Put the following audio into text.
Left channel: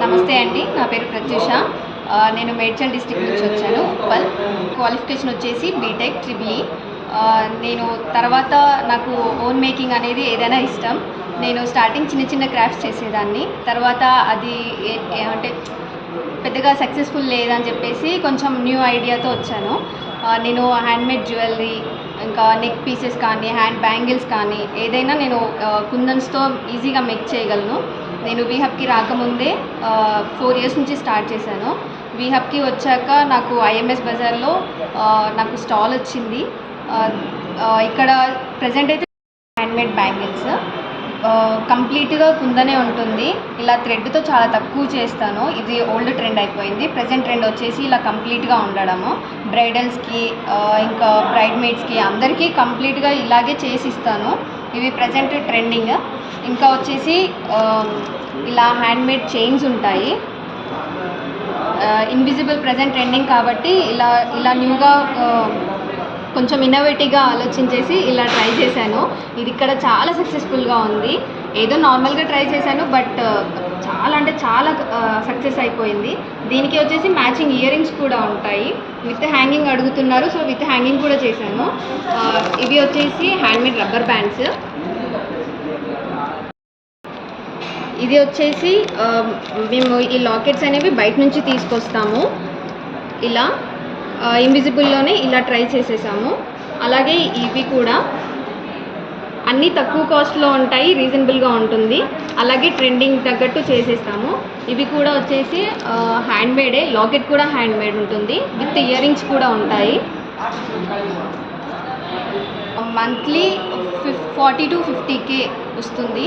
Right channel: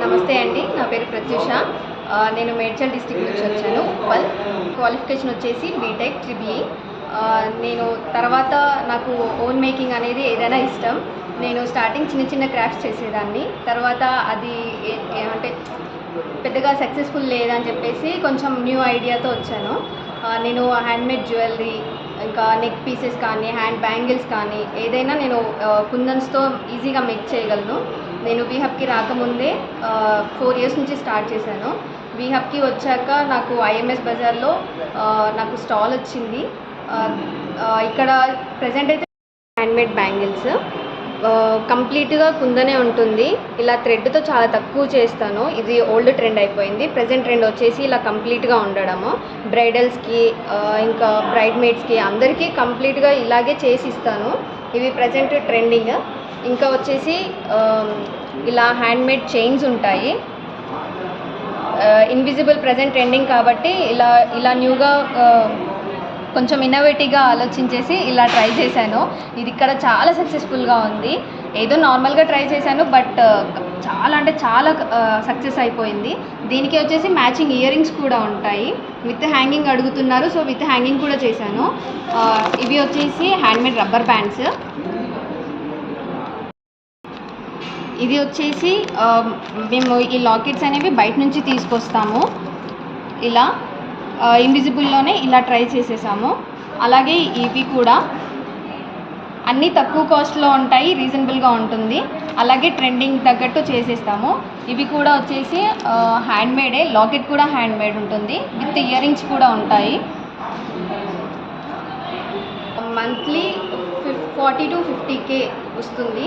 నమస్తే అండి, నా పేరు ప్రత్యూష. నేను మేడ్చల్ డిస్ట్రిక్ట్ నుంచి వచ్చాను, ఉప్పల్. క్వాలిఫికేషన్ వచ్చేసి బీటెక్ ట్రిబిఈ. నేను తర్వాత నాకు ఓన్ మేకింగ్ అనేది ఏదైనా ఇష్టం. నేను స్టార్టింగ్ చిన్న చిన్న క్రాఫ్ట్స్ చేసేదాన్ని. తర్వాత అది అంటే పెద్దగా సక్సెస్ఫుల్ లేదని చెప్పేసి కొంచెం న్యూ ఐడియాతో వచ్చాను. నేను హ్యాండ్మేడ్ జ్యువెలరీ, ఇంకా నెక్ పీసెస్ కానీ, హ్యాండ్ బ్యాంగిల్స్ కానీ ఏదైనా నేను కుందన్స్తో ఈజీగా మేక్ చేయగలను. నేను వీహబ్కి రాకముందే 4 years నుంచి స్టార్ట్ చేశాను. వీహబ్కి వచ్చాక నాకు ఐఎంఎస్ బజార్లో నాకు స్టాల్ వచ్చింది. ఇక్కడ ప్రజెంట్ అయితే హ్యాండ్మేడ్ బ్యాంగిల్స్ కంప్లీట్గా కుందనే ఉంటుంది. ఇలా థ్రెడ్తో చాలా తక్కువ చేస్తాను. ఇది ఓల్డ్ ట్రెండ్ అయిపోయింది. ప్రజెంట్ ట్రెండ్ వచ్చేసి ఇలా కంప్లీట్గా ఉండడము. బ్రైడల్స్కి ఇంకా బ్రైడ్ మేడ్స్కి అందరికీ కంప్లీట్గా ఇలాగే చేసి ఇస్తాను. ఇవి ప్రజెంట్ ట్రెండింగ్. ఇంకా వచ్చేసి ఇలా హ్యాండ్మేడ్ చైన్స్ ఉంటాయి. ఇన్విజిబుల్ ప్రజెంట్ ట్రెండింగ్ కాబట్టి ఇలా న్యూగా కొంచెం ఇన్నోవేటివ్గా ఆలోచించేసి ఇలా ట్రై చేశాను. ఇది ఇక్కడ చాలా సక్సెస్ఫుల్గా ఉంది. ఏదో నార్మల్గా ట్రై చేశాను, బట్ చాలా సక్సెస్ అయిపోయింది. దీనికి వచ్చేసి మ్యాచింగ్ ఇయర్ రింగ్స్ కూడా ఉంటాయి. విత్ హ్యాంగింగ్ అడుగుతున్నారు, సో విత్ హ్యాంగింగ్ కూడా చేశాను. ఇవి వచ్చేసి హ్యాండ్మేడ్ రబ్బర్ బ్యాండ్స్. ఇది వచ్చేసి మేము ఈ లాకెట్స్ అనేవి బయట నుంచి తీసుకొస్తాము. ఇలా ఇన్విజిబుల్లోనే ఇలా ట్రై చేసేసాము. అలాగే ఇవి కూడా అన్నీ తక్కువ కాస్ట్లో ఉంటాయి, రీజనబుల్గా ఉంటుంది. అలాగే ట్రెండింగ్ తగ్గట్టు చేసేస్తాము. ఇవి కూడా వచ్చేసి హ్యాండ్మేడే. లాకెట్ కూడా హ్యాండ్మేడ్ ఉంటుంది, విత్ ఇయర్ రింగ్స్ కూడా ఉంటాయి. మంత్లీ 40 to 50K వస్తుంది.